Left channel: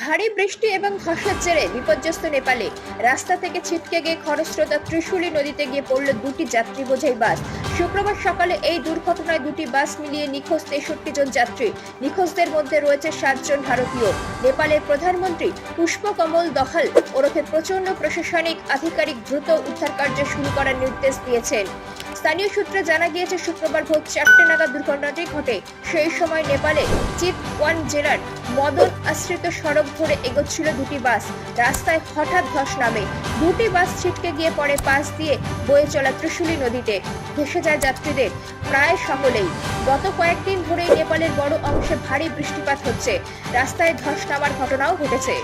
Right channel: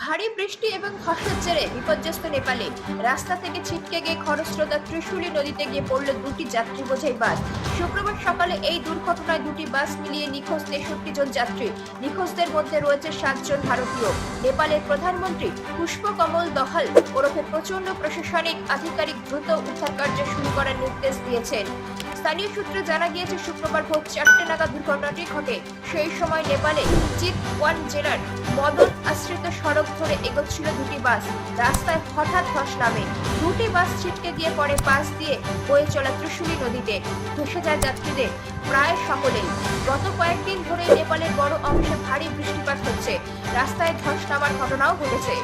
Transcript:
ভারী বৃষ্টি এবং ধসের জেরে বিপর্যস্ত নেপালে রাস্তা থেকে ছিটকে গিয়ে খরস্রোতা ত্রিশুলি নদীতে গিয়ে পড়ল দুটি যাত্রী বোঝাই বাস। শুক্রবার সকালে এই দুর্ঘটনায় দুটি বাস মিলিয়ে নিখোঁজ তেষট্টি জন যাত্রী। নিখোঁজদের মধ্যে রয়েছে সাতজন ভারতীয়। নেপালের প্রধানমন্ত্রী পুষ্পকমল দহাল ওরফে প্রচণ্ড প্রশাসনিক, আধিকারিক দ্রুত উদ্ধার কার্য শুরু করার নির্দেশ দিয়েছেন। স্থানীয় সূত্রে জানা গিয়েছে, শুক্রবার ভোর চারটে নাগাদ দুর্ঘটনাটি ঘটে। সেই সময় নেপালে চিপওয়ান জেলার মদন আশ্রিত সড়ক ধরে এগোচ্ছিল দুটি বাস। রাস্তায় হঠাৎ ধস নামে। দুটি বাস ছিটকে গিয়ে পরে পাশ দিয়ে বয়ে চলা ত্রিশুলি নদীতে। ভেসে যায় যাত্রীদের, প্রায় সকলেই। গত কয়েকদিন ধরে নেপালের বড় অংশে ভারী বৃষ্টিপাত হচ্ছে। রাস্তায় ধস নামার ঘটনাও ঘটেছে।